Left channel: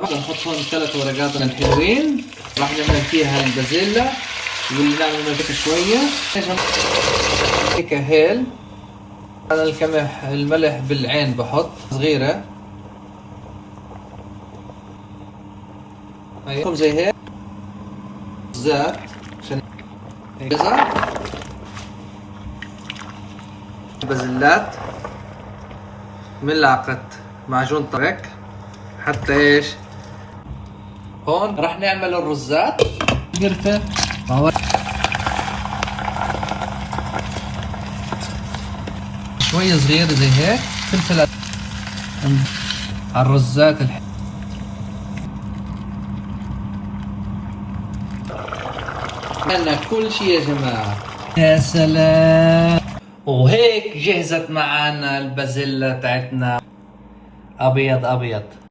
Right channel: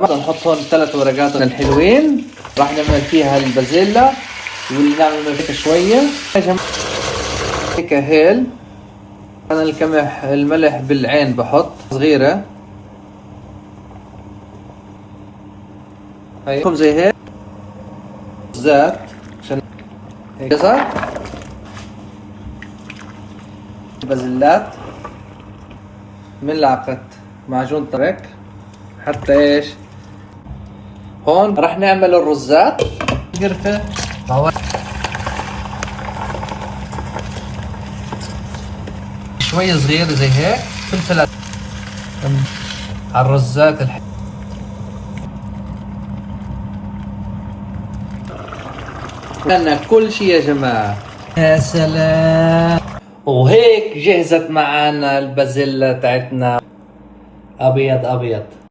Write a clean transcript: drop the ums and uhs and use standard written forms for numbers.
نحط هون 3 ورقات الحلوين، راح نعمل فيها البازيلا واللي نعمل منها شوية يا جماعة. هيك هيل أنا الملح بالعين بحط صغيرة، هيكم زي هيك زيت عشان جزر بازلات، ملعقة معجون طريق حتى ايش. هون راح نعمل الرزات، قرفة شوية صغيرة زي هيك، فلفل على الرزات عندنا كل شيء يا جماعة. يا سلام. وهيك جهزت معنا البازيلا تاعتنا ابيض ابيض.